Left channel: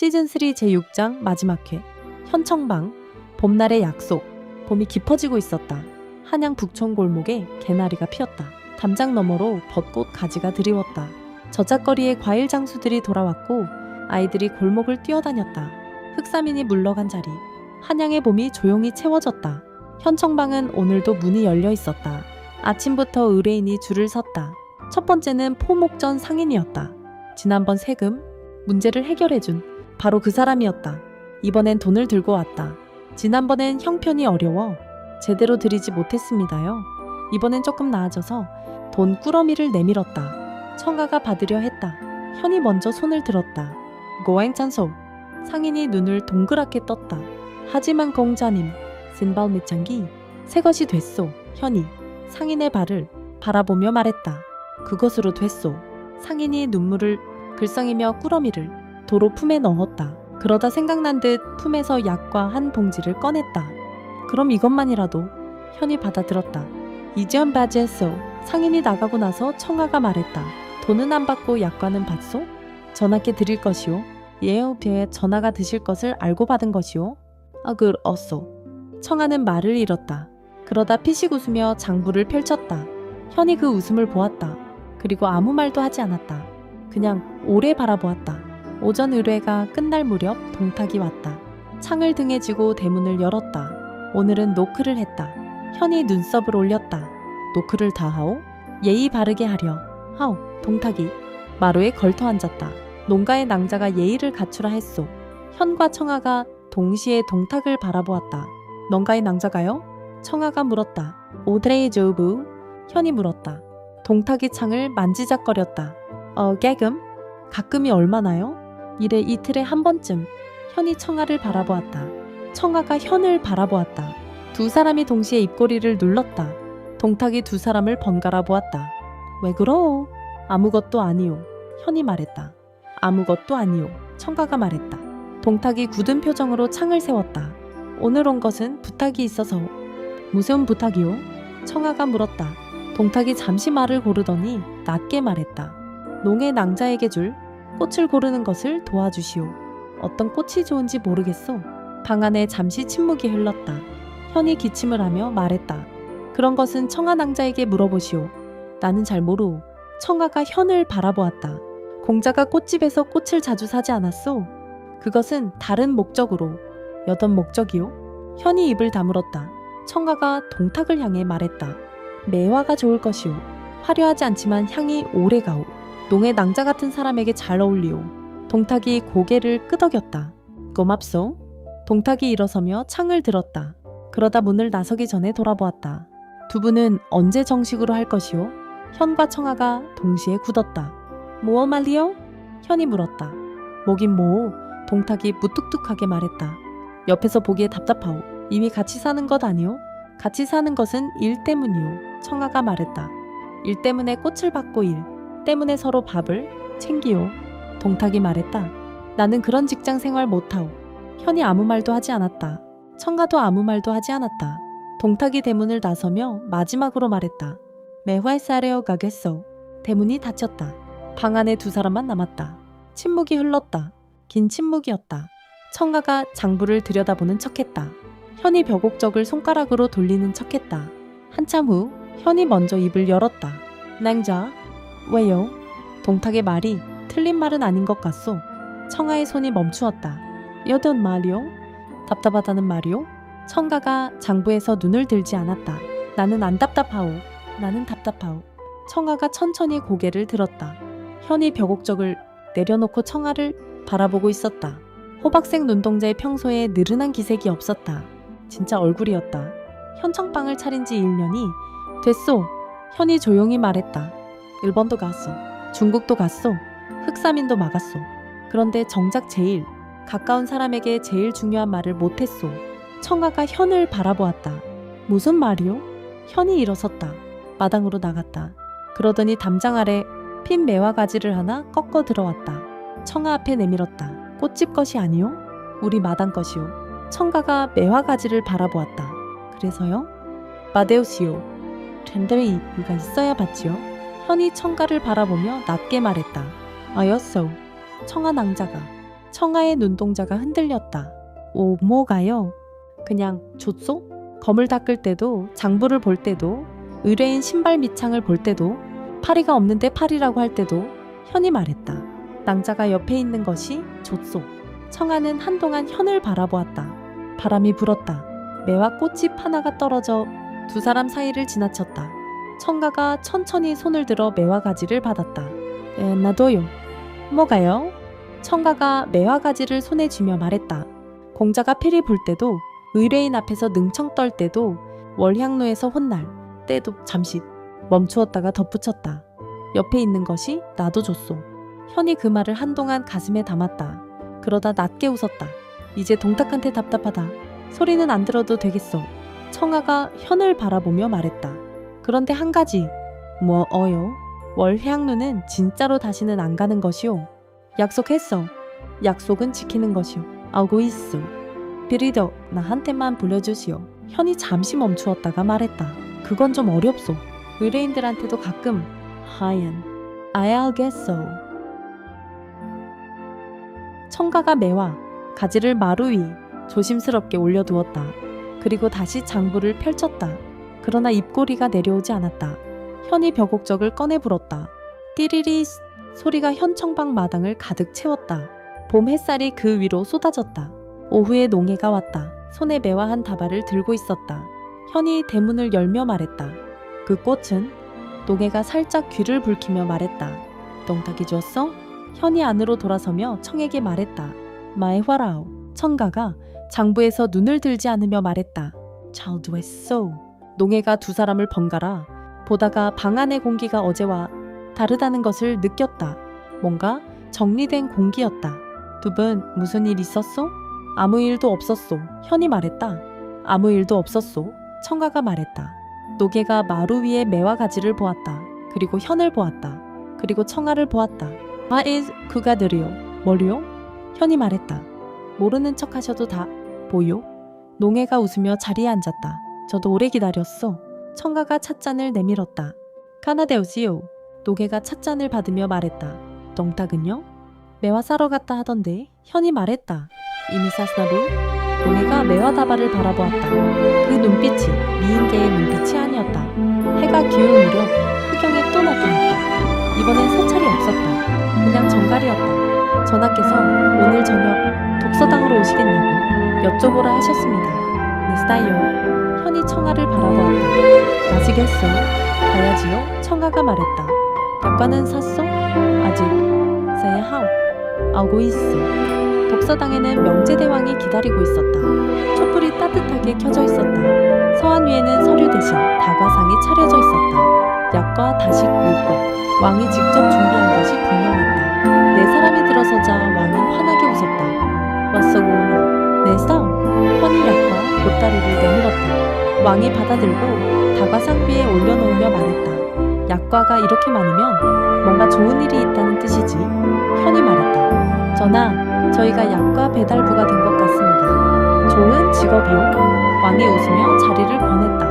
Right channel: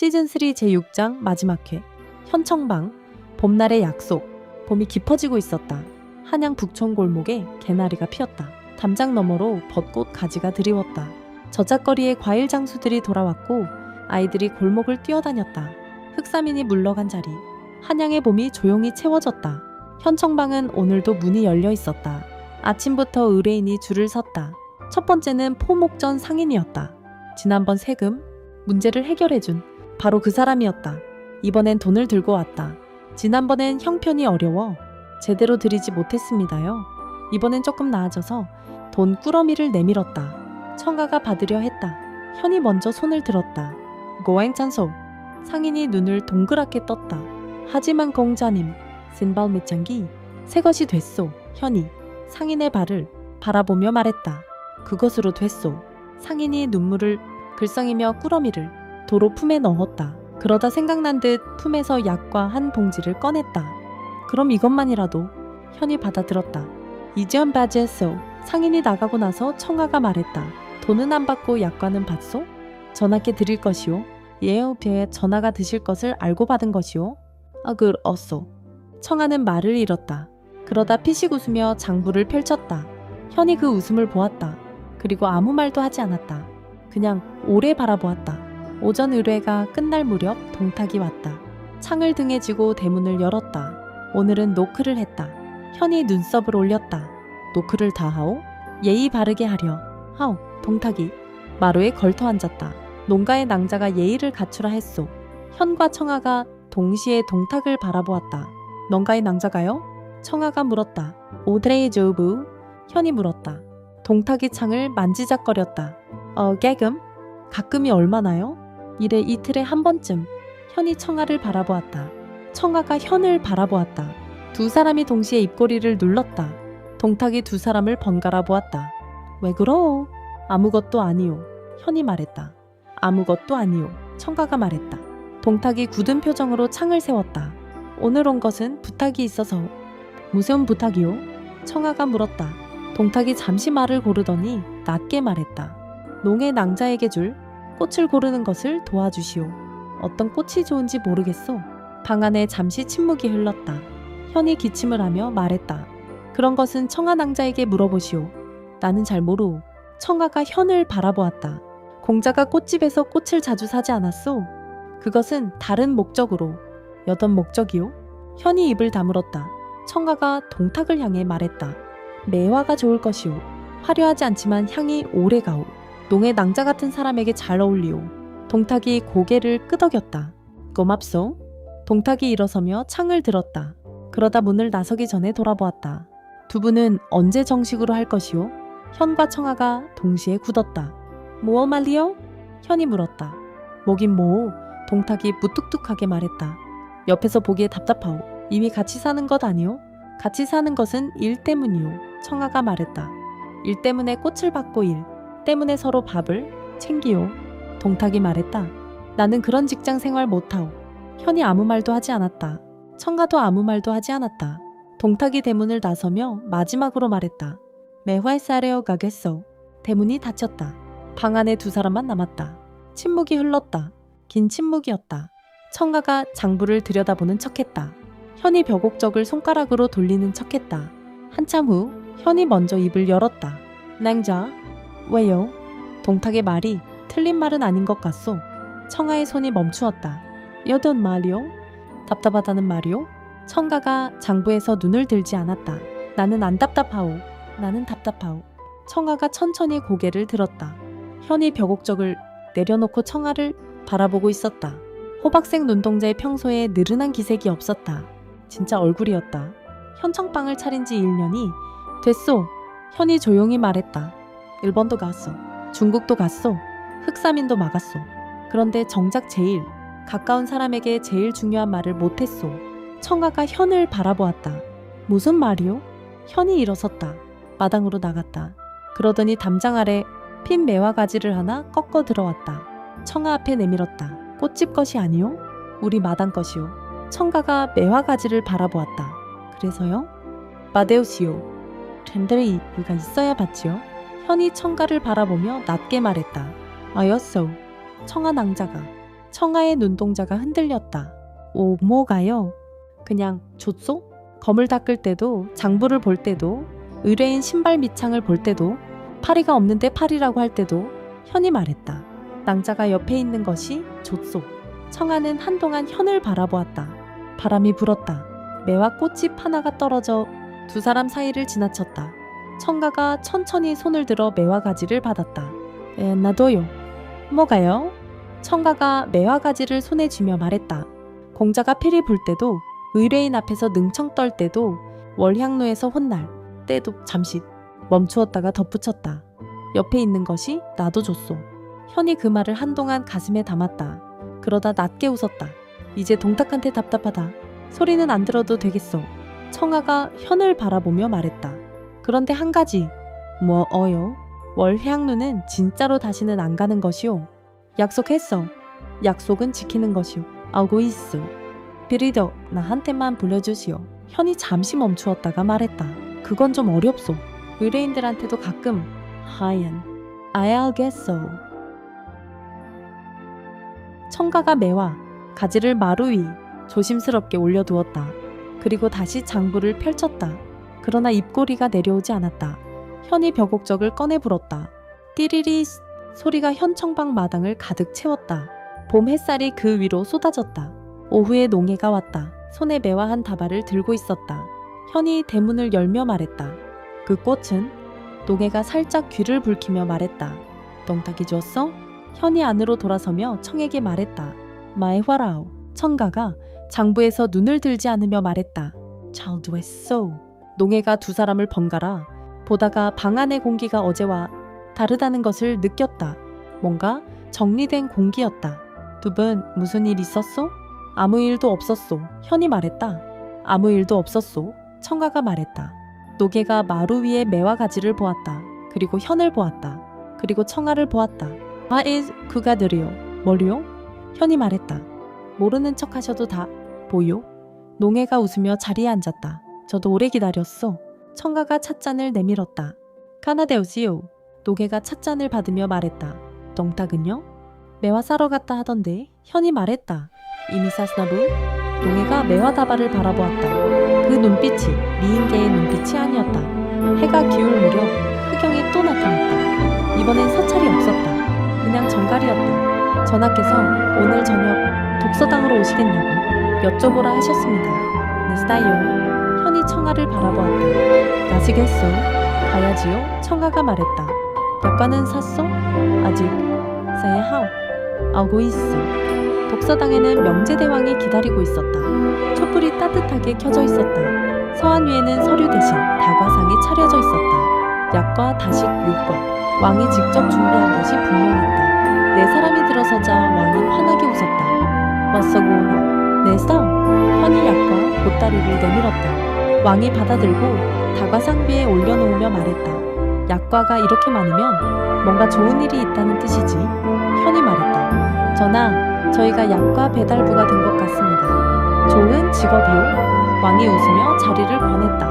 시즌3 제6장 마지막 회. 현청방. 봄날의 약속. 봄이 깊어지고 있었다. 한양 북촌 골목에 개나리가 피었다. 담장 너머로 벚꽃 가지가 드리웠다. 저작거리에 과일 장수들이 돌아왔고 아이들이 골목을 뛰어다녔다. 흑사민이 물러간 자리. 한양의 봄이 조용히 채워졌다. 현청방은 오늘도 문이 열려 있었다. 아침부터 의뢰인이 줄을 섰다. 첫 번째는 포목전 상인이었다. 지난번 세금 문제를 해결해준 바로 그 사람이었다. 이번엔 돈을 들고 왔다. 지난번엔 형편이 어려워 제대로 드리지 못했습니다요. 이번엔 조금 나아져서 돈 꾸러미를 내밀었다. 청아가 받으려 했다. 현이 먼저 손을 들었다. 고행찬소. 상인이 눈을 동그랗게 떴다. 하지만 공자님, 신발 밑장기 새것이 됐소. 현이 상인의 발을 바라보며 말했다. 그것으로 됐소. 상인이 눈물을 글썽이며 꾸러미를 도로 품에 넣었다. 그러다 생각난 듯 품에서 약과 한 봉지를 꺼냈다. 그럼 이것만이라도. 현이 받아들었다. 이전 바지했소. 상인이 나가고 나서 청아가 말했다. 돈은 안 받고 약과는 받소? 전하께 드릴 것이오. 예우표에 전하가 드실 것을 알고 받은 것이오. 어쏘. 청아는 말을 잃었다. 그러다 피식 웃으며 장부를 펼쳤다. 현이 그 웃음을 보았다. 그리고 아무 말도 하지 않았다. 그냥 오래 바라보았다. 오전 의뢰가 끝날 무렵 동탁이 왔다. 창을 등에 쥐고 대문을 열었다. 오늘은 노크를 했다. 현이 눈썹을 올렸다. 노크를 다 하오? 예의 바르게 하려. 하오. 동탁이 마루에 걸터 앉았다. 농가의 낭자가 예의를 갖추라 했소. 현과 청아가 동시에 동탁을 바라보았다. 농가의 낭자가요? 청아가 물었다. 오드레이 조부. 현이 물었다. 동탁이 창을 만지작거렸다. 깨금? 가끔이 얼마나요? 이래 이틀에 한 번쯤. 현이 청아를 바라보았다. 청아가 현을 바라보았다. 두 사람이 동시에 입꼬리를 눌렀다. 동탁이 두 사람을 번갈아 보았다. 왜 그러? 아무것도 아니오. 현이 말했다. 아무것도 아니오. 청아가 말했다. 동탁이 굳은 표정으로 창을 세웠다. 오늘 온 것은 부탁이 있어서. 무슨 부탁이오? 청아가 물었다. 동탁이 잠시 말을 고르더니 낮게 말했다. 농의 낭자에게 줄 꽃을 고르는 것을 도와주시오. 어떤 꽃이 좋은지 모르겠소. 방 안에 잠시 침묵이 흘렀다. 현이 기침을 하며 말했다. 그런 것은 청아 낭자에게 물어보시오. 나는 잘 모르오. 청아가 현을 바라보았다. 공자가 꽃집에서 꽃을 자주 사지 않았소? 그것은 다른 목적으로. 여던 목적이오? 현이 입을 다물었다. 청아가 동탁을 향해 말했다. 매화가 좋을 것이오. 화려하지 않지만 향이 오래가오. 농의 낭자 같은 사람에게 잘 어울리오. 동탁이 고개를 끄덕였다. 고맙소. 동탁이 일어서며 창을 들었다. 그러다 문을 나서기 전에 돌아보았다. 두 분은 언제 정식으로 할 것이오? 현과 청아가 동시에 굳었다. 뭐 말리오? 현이 물었다. 뭐긴 뭐. 동탁이 무뚝뚝하게 말했다. 옆에서 보기에 답답하오. 이미 같이 사는 것 아니오? 같이 사는 것은 일 때문이오. 청아가 말했다. 일 때문에 꽃을 받고 일 때문에 서로 밥을 챙기오. 동탁이 말했다. 나는 그런 직장 생활 못하오. 현이 아무 말도 하지 않았다. 청아도 아무 말도 하지 않았다. 동탁이 대문을 나서며 마지막으로 말했다. 매활사래어 가겠소. 대문이 닫혔다. 방 안에 두 사람만 남았다. 침묵이 흘렀다. 긴 침묵이었다. 청아가 장부를 들여다보는 척했다. 현이 벼곡적을 손가락으로 돌리는 척했다. 한참 후 현이 먼저 입을 열었다. 낭자. 왜요? 동탁의 말이 틀린 말은 아닌 것 같소. 청아의 손이 멈추었다. 여든 말이요? 답답하다는 말이요? 청아가 장부에서 눈을 들지 않았다. 나는 안 답답하오. 나는 답답하오. 청아가 천천히 고개를 들었다. 현이 벼곡적을 내려놓고 청아를 바라보고 있었다. 호박색 눈동자의 평소에 느른한 기색이 없었다. 진짜 얼굴이었다. 현청방을 차린 지 1년이 됐소. 현이 조용히 말했다. 일본도 갔소. 중국도 갔소. 흑사민도 막았소. 그런데 정작 제일 가까운 사람에게 제일 중요한 말을 못했소. 청아가 현을 바라보았다. 무슨 말이요? 현이 일어섰다. 마당으로 나갔다. 그러더니 담장 아래 핀 매화 가지를 하나 꺾어 들어왔다. 청아 앞에 내밀었다. 꽃집 것이 아니오? 우리 마당 것이오. 청가가 매화 가지를 바라보았다. 그래서요? 마데오시오. 랜들이 이유가 있어야 받지요. 현이 청가를 바라보며 낮게 말했다. 아였소. 청아 낭자가. 청아의 눈동자가 흔들렸다. 오, 뭐가요? 그냥 줬소? 검을 닦을 때도, 장부를 볼 때도, 의뢰인 신발 밑창을 볼 때도, 파리가 없는데 파리라고 할 때도 현이 말했다. 낭자가 옆에 있는 것이 줬소. 청아는 한동안 현을 바라보았다. 바람이 불었다. 매와 꽃잎 하나가 떨어져 두 사람 사이를 지나쳤다. 청가가 천천히 손을 들어 매와 가지를 받았다. 나도요. 뭐가요? 청가가 매와 가지를 손에 쥐며 말했다. 공자가 피리 불 때도, 의뢰인 앞에서 능청 떨 때도, 월향로에서 혼날 때도 잠시 멈추었다가 덧붙였다. 옆에 있는 것이 나도 줬소. 현이 그 말을 한동안 가슴에 담았다. 그러다 낮게 웃었다. 이제 동탁한테 답답하다. 소리는 안 들어도 되겠소. 청아가 현을 바라보며 말했다. 그런데 한 가지. 뭐어요? 월향루는 진짜로 다시는 안 가는 것이오. 약속했어. 약속은 지키는 것이오. 알고 있소. 비리더 나한테만 불려주시오. 현이 잠시 멈추었다가 말했다. 그건 좀 어렵소. 의뢰인들한테도 가끔 하얀 I 알겠소. 청가가 매와 가지를 마루 위 조심스럽게 올려두었다. 그리고 다시 장부를 펼쳤다. 그러나 입꼬리가 내려오지 않았다. 현이 벼곡적을 꺼내 불었다. 띠리리 소리가 현청방 마당을 가득 채웠다. 봄 햇살이 그 위로 쏟아졌다. 오후에 농해가 왔다. 손에 매와 한 다발을 들고 있었다. 현이 대문을 열며 말했다. 그 꽃은? 농해가 살짝 귀를 붉히며 말했다. 동탁이 주었어? 현이 안으로 돌아서며 청에게 말했다. 마에화라오. 청가가 장부에서 눈을 들지 않으며 말했다. 잘 됐어. 농해가 두 사람을 번갈아 보다가 방 안의 공기가 어제와 다르다는 것을 느꼈다. 뭔가 정리된 공기였다. 두 분 무슨 일 있었소? 아무 일도 없었소. 현이 말했다. 아무 일도 없었소. 청가가 말했다. 노개가 마루 위에 매와 가지를 보았다. 그리고 현을 보았다. 그리고 청아를 보았다. 그가 느려. 뭐요? 현이 말했다. 모르는 척 하셔도 다 보요? 농해가 웃으며 자리에 앉았다. 저도 오래 기다렸어. 청가가 찻잔을 내밀었다. 카나데오시오. 노개가 찻잔을 받으며 말했다. 동탁은요? 매화 사러 갔다 하던데. 현이 말했다. 이미 샀나부? 농해가 매화 다발을 바라보았다. 그 눈빛이 미인계의 눈빛이 아니었다. 해가 기울 무렵 흑영이 또 나타났다. 이번엔 서찰이 없었다. 그냥 정갈이었다. 전하께서 오늘 저녁 독서당으로 오시겠냐고 여쭤보라 하셨습니다. 네스타요. 현이 청아를 바라보았다. 가시겠소? 가야지요? 청아가 말했다. 약과는 샀소? 아직 사야 하오. 알고 있어. 독서당에는 명제대왕이 기다리고 있었다. 촛불이 따뜻하게 켜져 있었다. 서한 위에는 서류 대신 다과상이 차려져 있었다. 약과 다식 육과 왕이 직접 준비한 것이 분명했다. 네 사람이 들어서자 왕이 환하게 웃었다. 왔어구나. 네 싸움. 현이 약과 보따리를 내밀었다. 왕이 받아들고 다과상 위에 올려놓으며 말했다. 약과가 이렇게 많으면 뭔가 좋은 일이 있다는 뜻이지. 현이 말했다. 전하, 저희가 약과 배달부가 된 것 같습니다. 좋은 직업이요. 왕이 웃으며 자리를 권했다.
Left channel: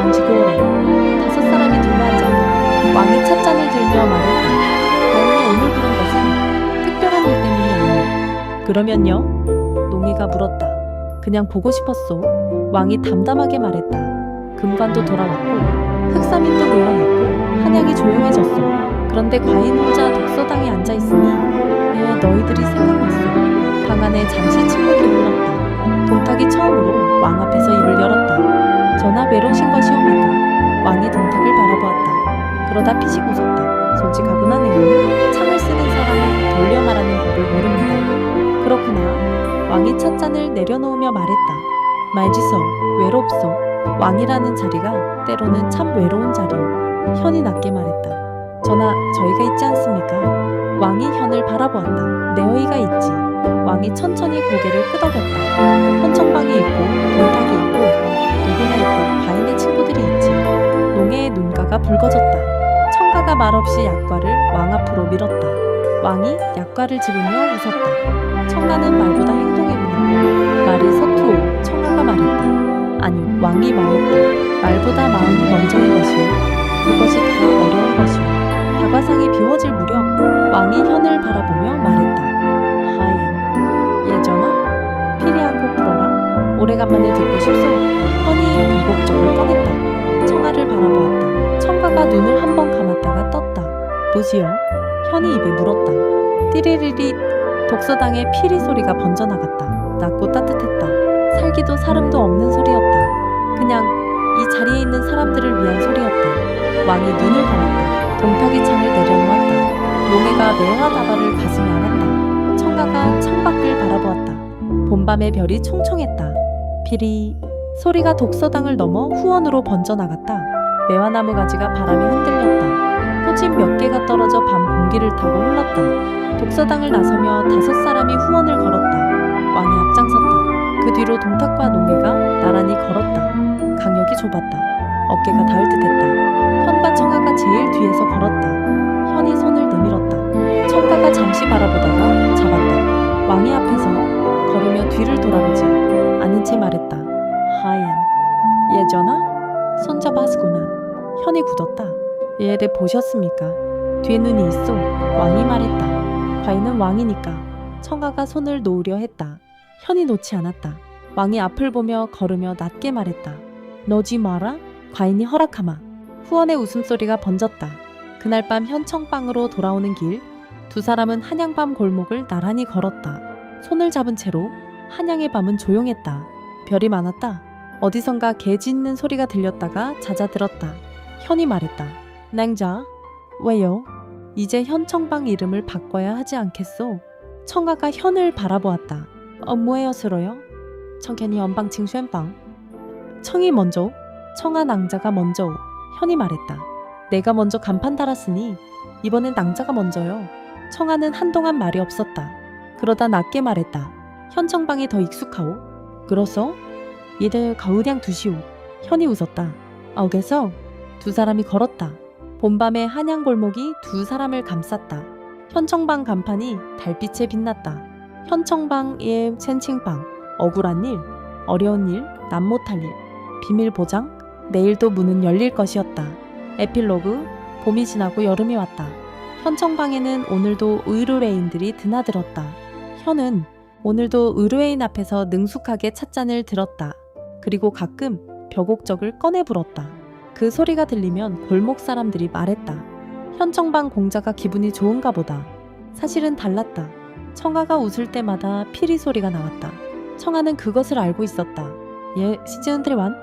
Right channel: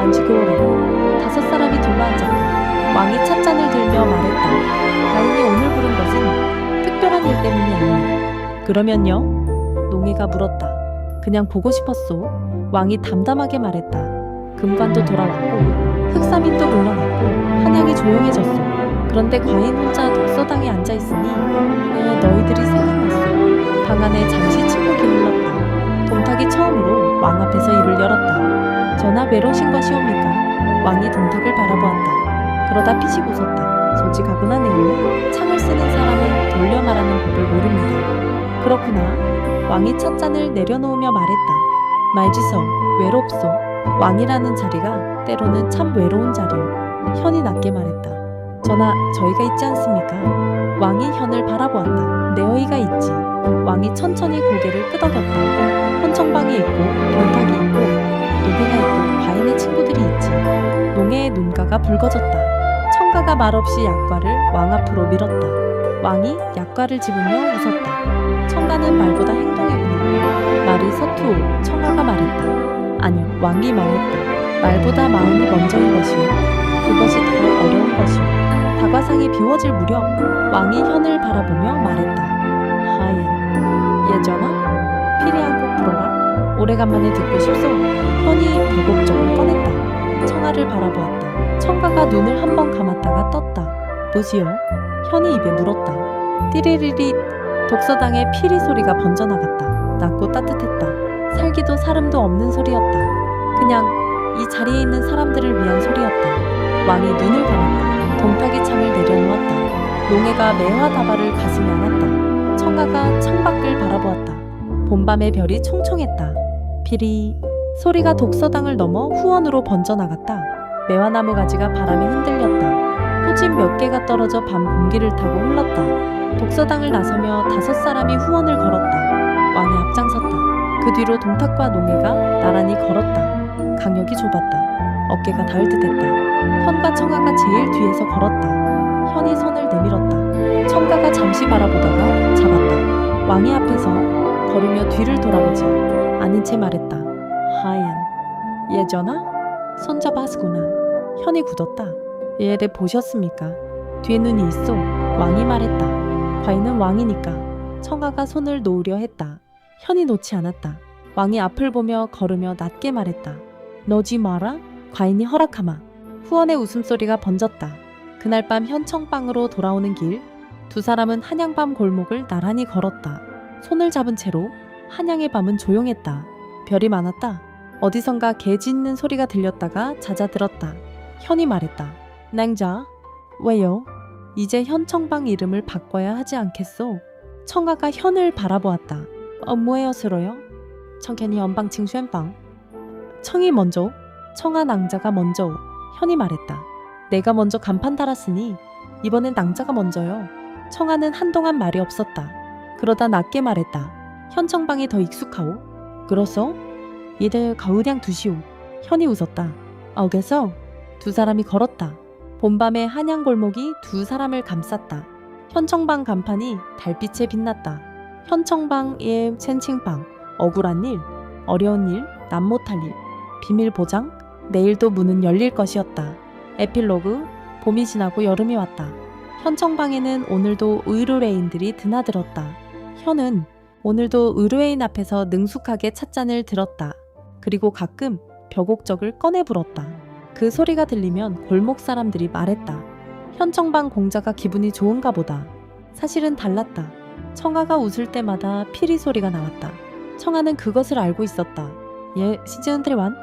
앉으고 오래. 다섯 사람이 둘러앉았다. 왕이 찻잔을 들며 말했다. 다행히 오늘 부른 것은 특별한 일 때문이 아니오. 그러면요? 농해가 물었다. 그냥 보고 싶었소. 왕이 담담하게 말했다. 금관도 돌아왔고 흑사민도 물러났고 한양이 조용해졌소. 그런데 과인 혼자 독서당에 앉아있으니 너희들이 생각났소. 방 안에 잠시 침묵이 흘렀다. 동탁이 처음으로 왕 앞에서 입을 열었다. 전하 외로우신 것이옵니까? 왕이 동탁을 바라보았다. 그러다 피식 웃었다. 솔직하구나 네오. 창을 쓰는 사람은 돌려 말하는 법을 모릅니다. 그렇구나. 왕이 찻잔을 내려놓으며 말했다. 말지소. 외롭소. 왕이라는 자리가 때로는 참 외로운 자리요. 현이 낮게 말했다. 전하, 저희가 있지 않습니까? 왕이 현을 바라보았다. 내 어이가 있지. 왕이 천천히 고개를 끄덕였다. 현청방이 있고 동탁이 있고 노개가 있고 과인의 친구들이 있지. 농해의 눈가가 붉어졌다. 청가가 말없이 약과를 왕 앞으로 밀었다. 왕이 약과를 집으며 웃었다. 청가는 말보다 행동이구나. 말이 서투오. 청아가 말했다. 아니요, 왕이 말했다. 말보다 마음이 먼저인 것이오. 그것이 더 어려운 것이오. 다과상이 비워질 무렵 왕이 현을 바라보며 말했다. 하얀 예전아? 피리 한 곡 불어라. 오래간만에 듣고 싶소. 현이 벼곡적을 꺼냈다. 청아를 바라보았다. 청가가 눈을 한 번 감았다가 떴다. 뭐지요? 현이 입에 물었다. 띠리리리. 독서당의 피리 소리가 번져나갔다. 낮고 따뜻했다. 살기도 사름도 없는 소리였다. 그냥 이 자리에 있는 사람들을 위한 소리였다. 왕이 눈을 감았다. 동탁이 창을 내려놓았다. 농해가 매화다발을 가슴에 안았다. 청가가 창밖을 바라보았다. 봄밤의 별이 총총했다. 피리. 소리가 독서당을 넘어 후원으로 번져나갔다. 매화나무 가지가 바람에 흔들렸다. 꽃잎 몇 개가 떨어져 밤 공기를 타고 흘렀다. 독서당을 나서며 5사람이 후원을 걸었다. 왕이 앞장섰다. 그 뒤로 동탁과 농해가 나란히 걸었다. 강역이 좁았다. 어깨가 닿을 듯했다. 현과 청아가 제일 뒤에서 걸었다. 현이 손을 내밀었다. 청가가 잠시 바라보다가 잡았다. 왕의 앞에서 걸으며 뒤를 돌아보지 않은 채 말했다. 하얀. 예전아? 손잡았구나. 현이 굳었다. 얘를 보셨습니까? 뒤에 눈이 있어. 왕이 말했다. 과인은 왕이니까. 청아가 손을 놓으려 했다. 현이 놓지 않았다. 왕이 앞을 보며 걸으며 낮게 말했다. 너지 마라. 과인이 허락하마. 후원의 웃음소리가 번졌다. 그날 밤 현청방으로 돌아오는 길, 2사람은 한양밤 골목을 나란히 걸었다. 손을 잡은 채로 한양의 밤은 조용했다. 별이 많았다. 어디선가 개 짖는 소리가 들렸다가 잦아들었다. 현이 말했다. 낭자. 왜요? 이제 현청방 이름을 바꿔야 하지 않겠소? 청아가 현을 바라보았다. 뭐예요 스러요? 청캔이 연방칭 쉔방. 청이 먼저. 청아 낭자가 먼저. 현이 말했다. 내가 먼저 간판 달았으니 이번엔 낭자가 먼저요. 청아는 한동안 말이 없었다. 그러다 낮게 말했다. 현청방이 더 익숙하오? 그렇소? 얘들 가을양 두시오. 현이 웃었다. 알겠어? 2사람이 걸었다. 봄밤의 한양골목이 2사람을 감쌌다. 현청방 간판이 달빛에 빛났다. 현청방의 챈칭방. 억울한 일, 어려운 일, 남 못할 일, 비밀 보장, 내일도 문은 열릴 것이었다. 에필로그. 봄이 지나고 여름이 왔다. 현청방에는 오늘도 의료레인들이 드나들었다. 현은 오늘도 의료인 앞에서 능숙하게 찻잔을 들었다. 그리고 가끔 벼곡적을 꺼내 불었다. 그 소리가 들리면 골목 사람들이 말했다. 현청방 공자가 기분이 좋은가 보다. 사실은 달랐다. 청아가 웃을 때마다 피리 소리가 나왔다. 청아는 그것을 알고 있었다. 예, 시즌 3